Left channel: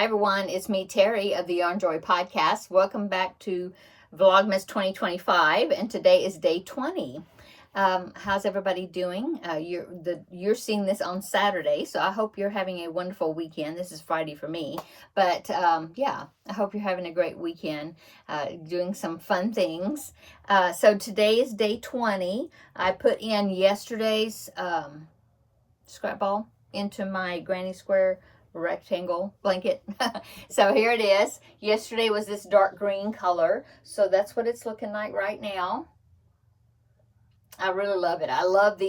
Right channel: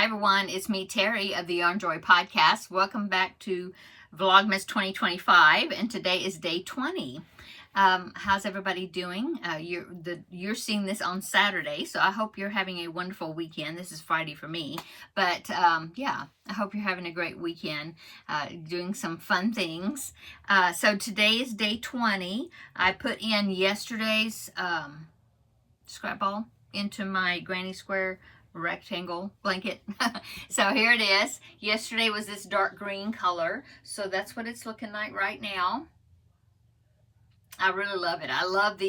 Hi everyone, it's me Terry of the Yarn Joy podcast. Welcome back to Vlogmas 2025, and today is day 20. How's everybody doing? You're seeing this on Saturday, so I hope you're having a wonderful weekend. This is Friday for me, but yeah, I hope you're having a great weekend, doing some fun things. So today is day 20. I put in yesterday's scrap ball into my granny square rectangle blanket. So here it is. Yesterday was this dark green color, so that's what it's looking like right now. I really love it. I love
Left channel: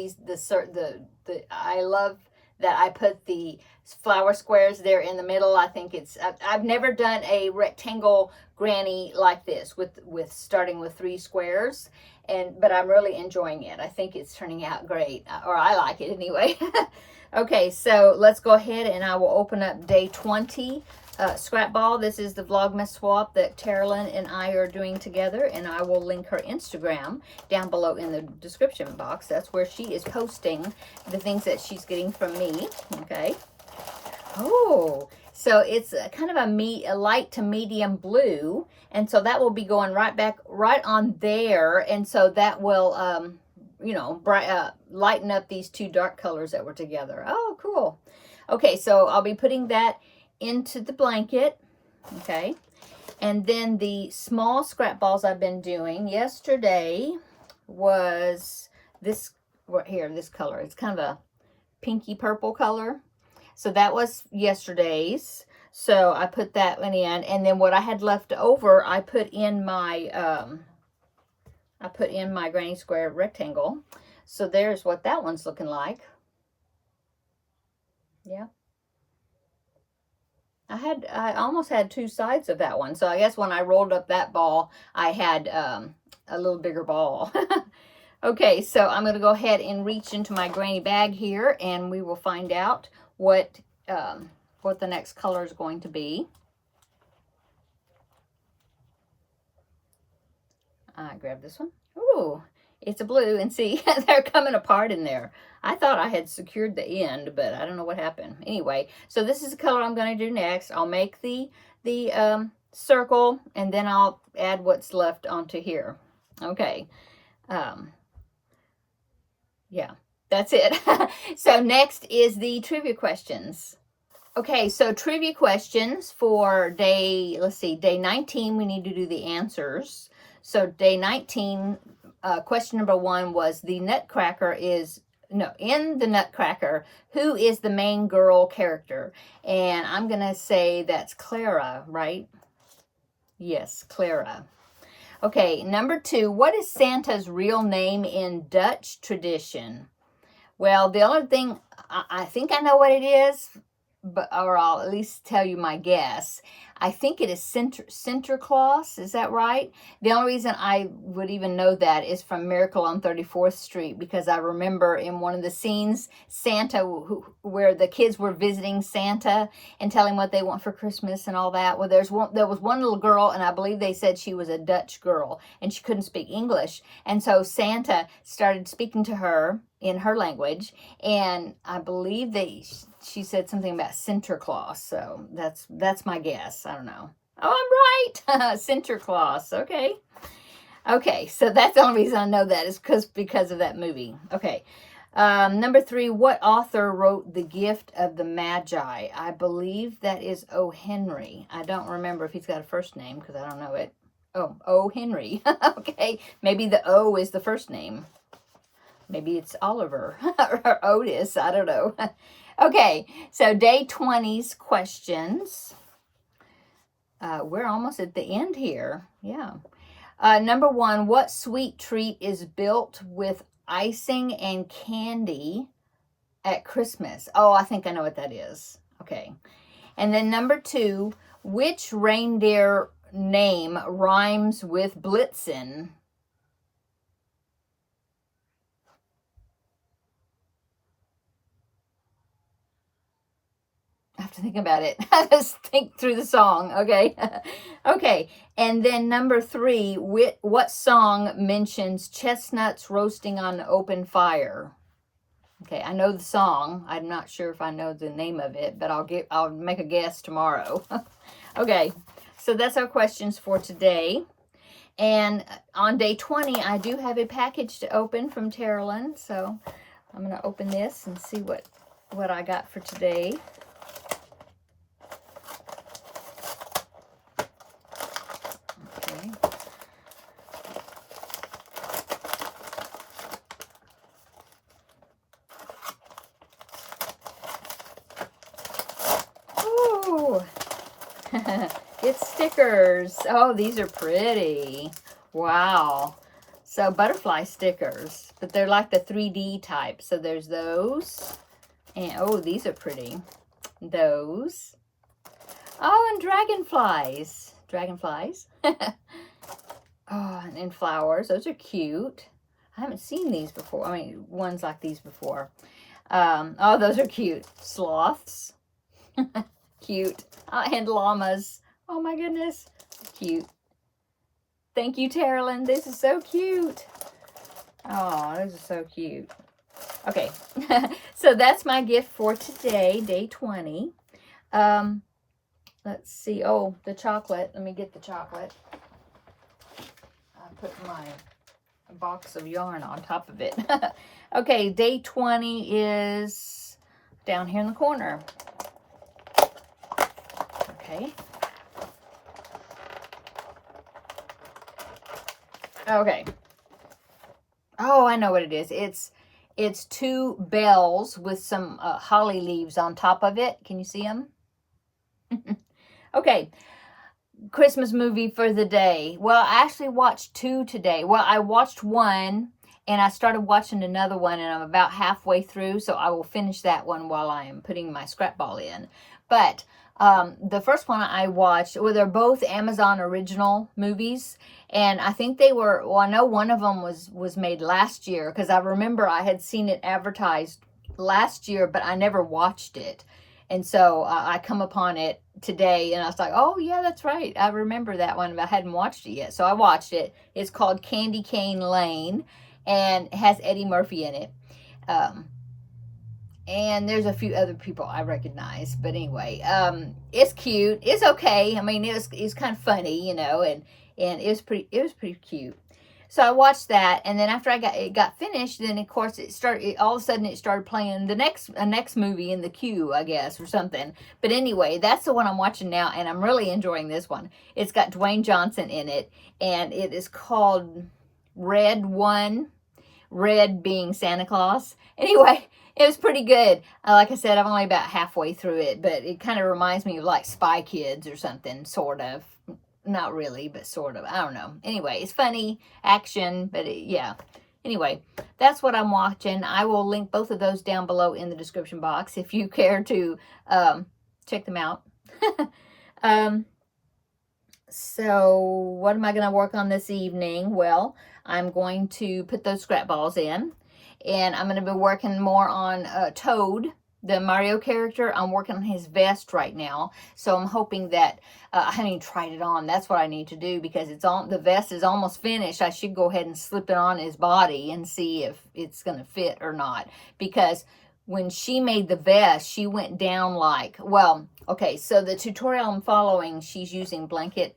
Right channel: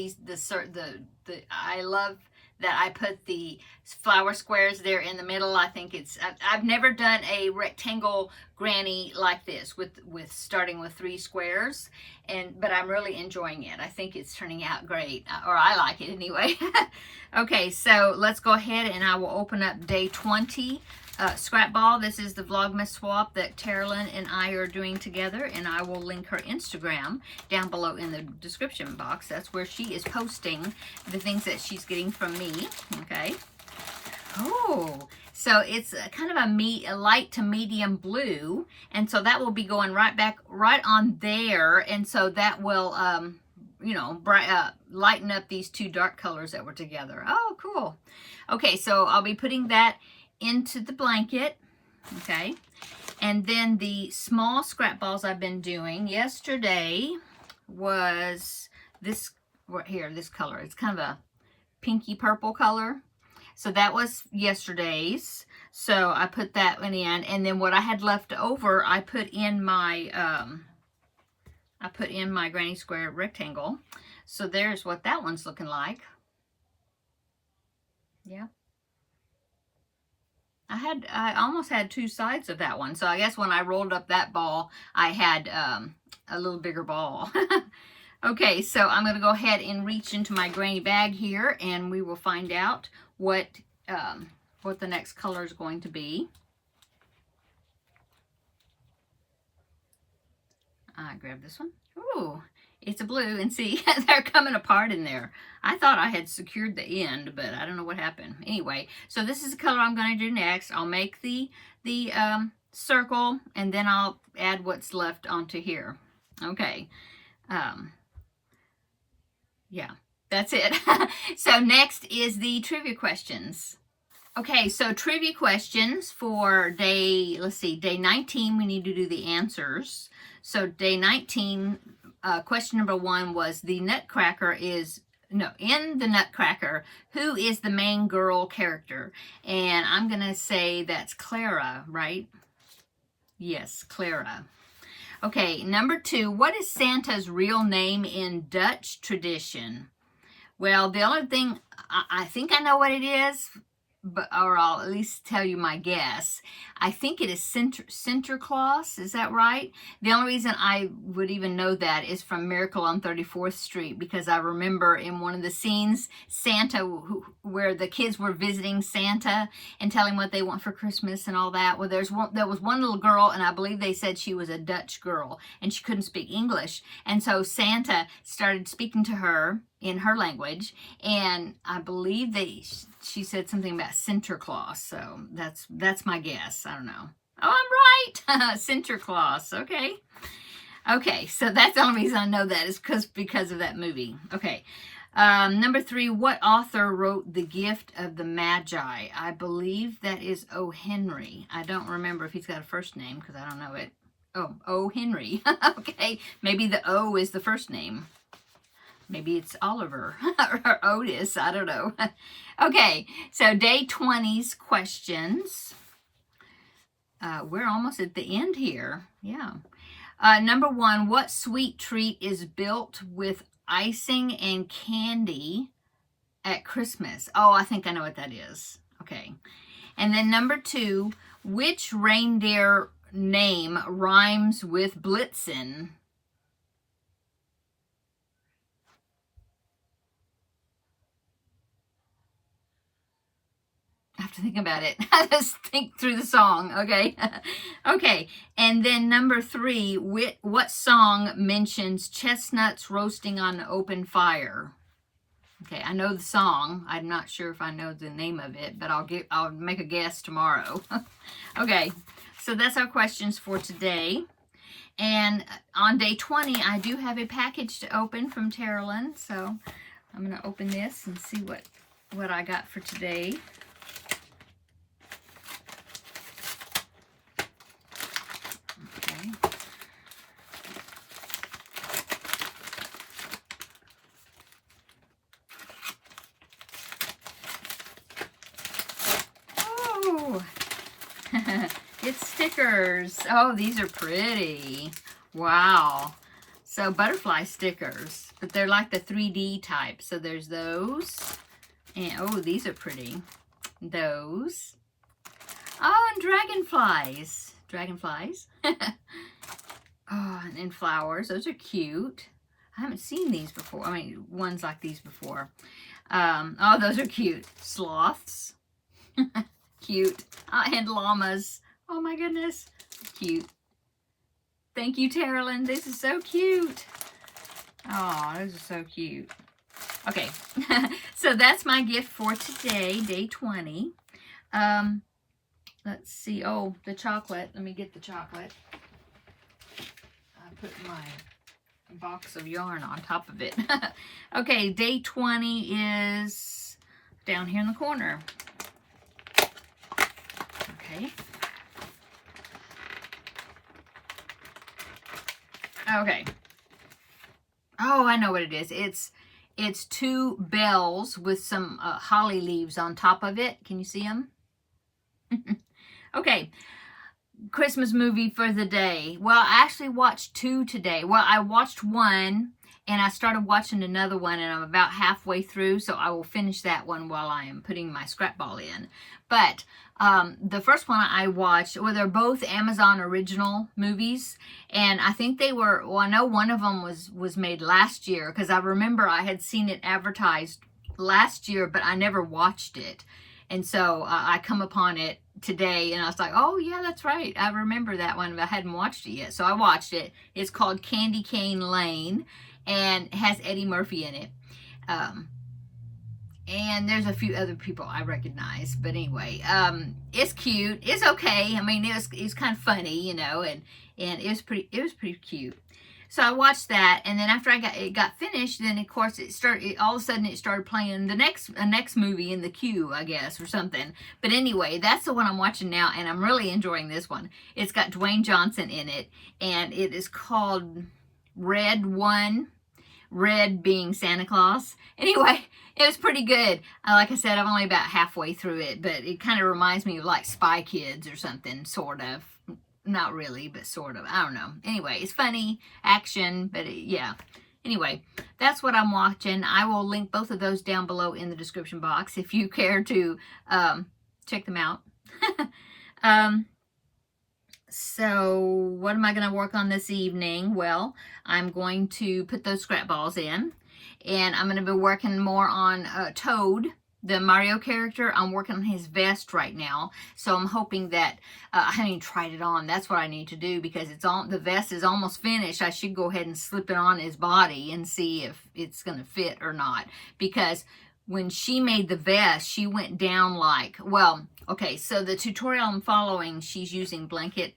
I love that I put the flower squares there in the middle. I think I've never done a rectangle granny like this with starting with 3 squares, but I'm really enjoying it. I think it's turning out great, or I like it anyway. Okay, so let's go ahead and I will open up day 20 scrap ball. This is the Vlogmas swap that Carolyn and I are doing together, and I will link her Instagram down below in the description box. That's where she is posting the things that she's getting from me. Okay. Oh, so it's kind of a light to medium blue, and so that will be going right on there, and so that will lighten up these 2 dark colors that were together. Oh, cool. Okay, so I'll be putting that into the blanket. Okay, and then the small scrap balls I've been doing. Yesterday was this right here, this color. It's kind of a pinky purple color. So that was yesterday's. So I put that one in, and then what I had left over, I put in my granny square rectangle. So there's what that one's looking like. Yeah. I almost had 2 sides of that one. So I guess when I rolled up that ball, I had a little bigger ball. Okay, so I'm going to go ahead and reach into my granny bag here, and we will find out what the next color is going to be. I grab this one. Ooh, it's a blue, and see, they're coming apart in there. I thought I had secured the end, but I don't know what happened. Anyway, so this is the color I'm going to do next. I'll make the circle, and then I'll add what's left onto here. Okay. Yeah, that's it. So next is the trivia questions. Okay, so trivia questions for day 19, we need to do the answers. So day 19, question number 1 was in the Nutcracker, who is the main girl character? And I'm going to say that's Clara, right? Yes, Clara. Okay, number 2, what is Santa's real name in Dutch tradition? Well, the only thing, I think I know what it is, or I'll at least tell you my guess. I think it is Sinterklaas. Is that right? The only reason I would even know that is from Miracle on 34th Street, because I remember in one of the scenes, Santa, where the kids were visiting Santa and telling what they want for Christmas and all that. Well, there was one little girl, and I believe they said she was a Dutch girl, and she couldn't speak English. And so Santa started speaking to her in her language, and I believe she said something about Sinterklaas. So that's my guess. I don't know. Oh, I'm right. Sinterklaas. Okay. Okay, so that's the only reason I know that is because of that movie. Okay. Number 3, what author wrote The Gift of the Magi? I believe that is O. Henry. I don't remember if he's got a first name because I don't know it. Oh, O. Henry. Okay, maybe the O is the first name. Maybe it's Oliver or Otis. I don't know. Okay, so day 20's questions. We're almost at the end here. Yeah. Number 1, what sweet treat is built with icing and candy at Christmas? Oh, I think I know what that is. Okay. And then number 2, which reindeer name rhymes with Blitzen? I have to think about it. I just think through the song. Okay. Okay. And then number 3, what song mentions chestnuts roasting on an open fire? Okay, I know the song. I'm not sure if I know the name of it, but I'll make a guess tomorrow. Okay, so that's our questions for today. And on day 20, I do have a package to open from Terri. So I'm going to open this and see what I got for today. Okay. Oh, it's stickers. Oh, these are pretty. Wow. So butterfly stickers, but they're like the 3D type. So there's those. And oh, these are pretty. Those. Oh, and dragonflies. Dragonflies. Oh, and then flowers. Those are cute. I haven't seen these before. I mean, ones like these before. Oh, those are cute. Sloths. Cute. And llamas. Oh my goodness. Cute. Thank you, Terri. This is so cute. Oh, those are so cute. Okay. So that's my gift for today, day 20. Let's see. Oh, the chocolate. Let me get the chocolate. I put my box of yarn on top of it. Okay, day 20 is down here in the corner. Okay. Okay. Oh, I know what it is. It's 2 bells with some holly leaves on top of it. Can you see them? Okay. Christmas movie for the day. Well, I actually watched 2 today. Well, I watched one and I started watching another one and I'm about halfway through, so I will finish that one while I am putting my scrap ball in. But the first one I watched, well, they're both Amazon original movies, and I think they were, well, I know one of them was made last year, because I remember I had seen it advertised last year, but I never watched it. And so I come upon it today, and I was like, oh, yeah, that's right. I remember that one, but I hadn't watched it yet. So I watched it. It's called Candy Cane Lane, and it has Eddie Murphy in it. And there's a few other people I recognize. But anyway, it's cute. It's okay. I mean, it was kind of funny, you know, and it was pretty cute. So I watched that, and then after it got finished, then of course all of a sudden it started playing the next movie in the queue, I guess, or something. But anyway, that's the one I'm watching now, and I'm really enjoying this one. It's got Dwayne Johnson in it, and it is called Red One, Red being Santa Claus. Anyway, it was pretty good. Like I said, I'm only about halfway through it, but it kind of reminds me of like Spy Kids or something, sort of. Not really, but sort of. I don't know. Anyway, it's funny, action, but yeah. Anyway, that's what I'm watching. I will link both of those down below in the description box if you care to check them out. So what am I going to work on this evening? Well, I'm going to put those scrap balls in, and I'm going to be working more on Toad, the Mario character. I'm working on his vest right now, so I'm hoping that I haven't even tried it on. That's what I need to do, because the vest is almost finished. I should go ahead and slip it on his body and see if it's going to fit or not, because when she made the vest, she went down like, well, okay, so the tutorial I'm following, she's using blanket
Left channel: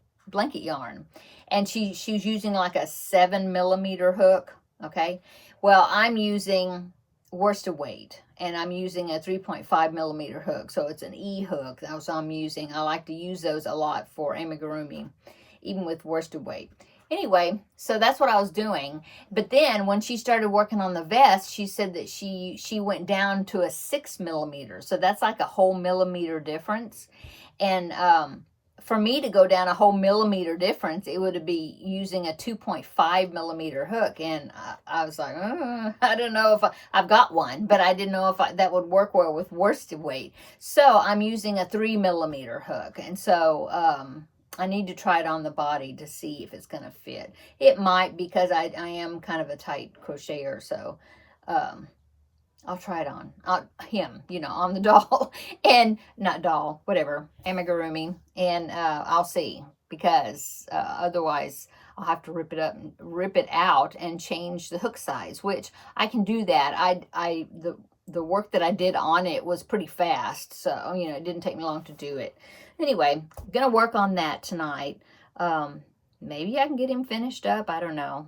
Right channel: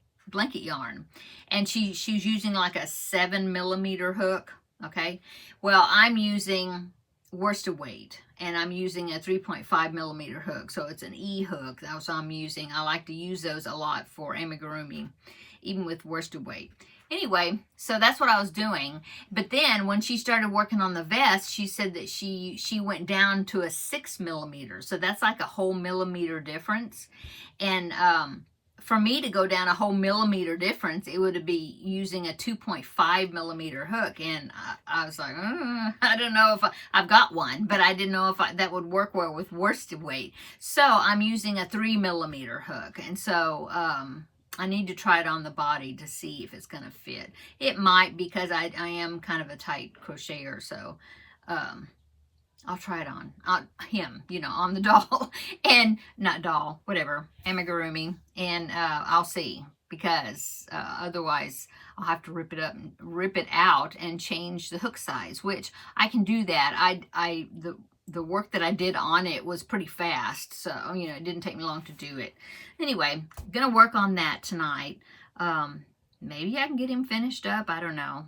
yarn, and she's using like a 7mm hook. Okay, well, I'm using worsted weight, and I'm using a 3.5mm hook, so it's an E hook. That's what I'm using. I like to use those a lot for amigurumi, even with worsted weight. Anyway, so that's what I was doing. But then when she started working on the vest, she said that she went down to a 6mm. So that's like a whole millimeter difference. And for me to go down a whole millimeter difference, it would be using a 2.5mm hook. And I was like, I don't know if I've got one, but I didn't know if that would work well with worsted weight. So I'm using a 3mm hook. And so I need to try it on the body to see if it's going to fit. It might, because I am kind of a tight crocheter, so I'll try it on him, you know, on the doll, and not doll, whatever, amigurumi, and I'll see, because otherwise I'll have to rip it out and change the hook size, which I can do that. the work that I did on it was pretty fast. So, you know, it didn't take me long to do it. Anyway, I'm going to work on that tonight. Maybe I can get him finished up. I don't know.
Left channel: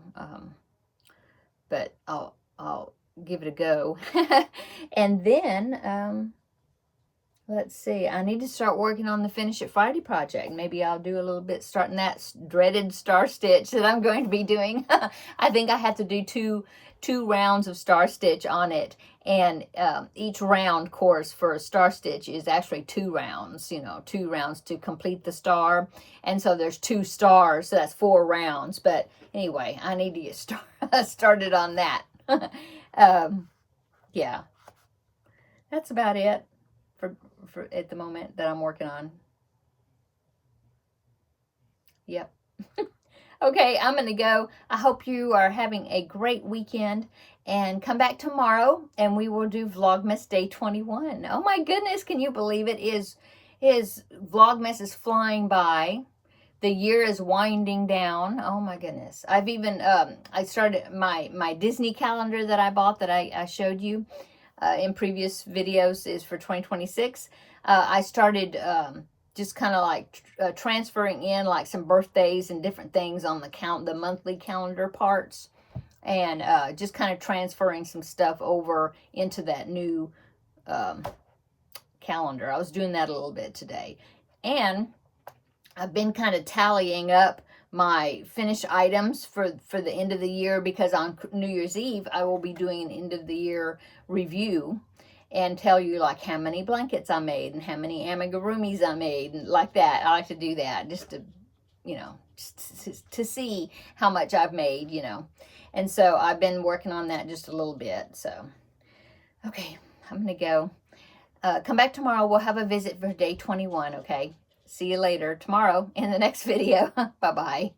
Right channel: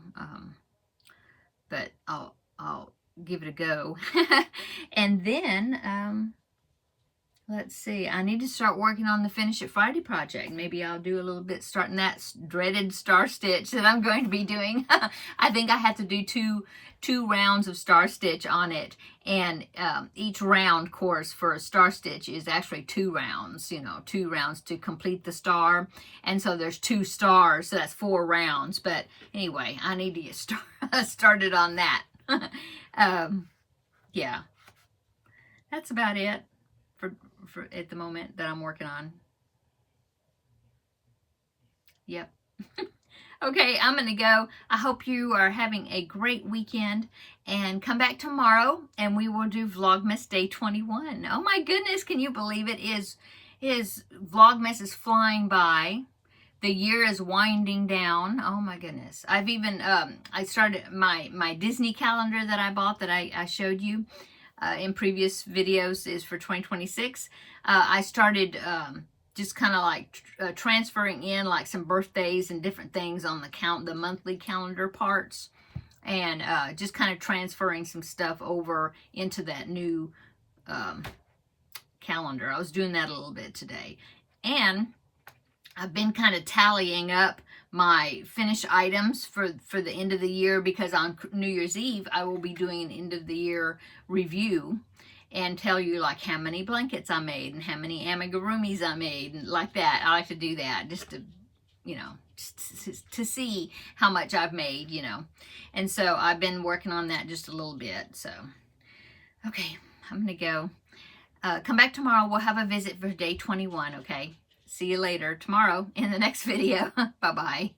But I'll give it a go. And then, let's see, I need to start working on the Finish It Friday project. Maybe I'll do a little bit starting that dreaded star stitch that I'm going to be doing. I think I have to do two rounds of star stitch on it, and each round course for a star stitch is actually 2 rounds, you know, 2 rounds to complete the star, and so there's 2 stars, so that's 4 rounds. But anyway, I need to get started on that. Yeah, that's about it for at the moment that I'm working on. Yep. Okay, I'm going to go. I hope you are having a great weekend, and come back tomorrow and we will do Vlogmas Day 21. Oh my goodness, can you believe it? Vlogmas is flying by. The year is winding down. Oh my goodness. I've even, I started my Disney calendar that I bought that I showed you in previous videos is for 2026. I started just kind of like transferring in like some birthdays and different things on the monthly calendar parts, and just kind of transferring some stuff over into that new calendar. I was doing that a little bit today, and I've been kind of tallying up my finished items for the end of the year, because on New Year's Eve I will be doing an end of the year review and tell you like how many blankets I made and how many amigurumis I made and like that. I like to do that just to, you know, to see how much I've made, you know. And so I've been working on that just a little bit. So, okay, I'm going to go. Come back tomorrow. We'll have a visit for day 21, okay? See you later tomorrow in the next video. Bye-bye.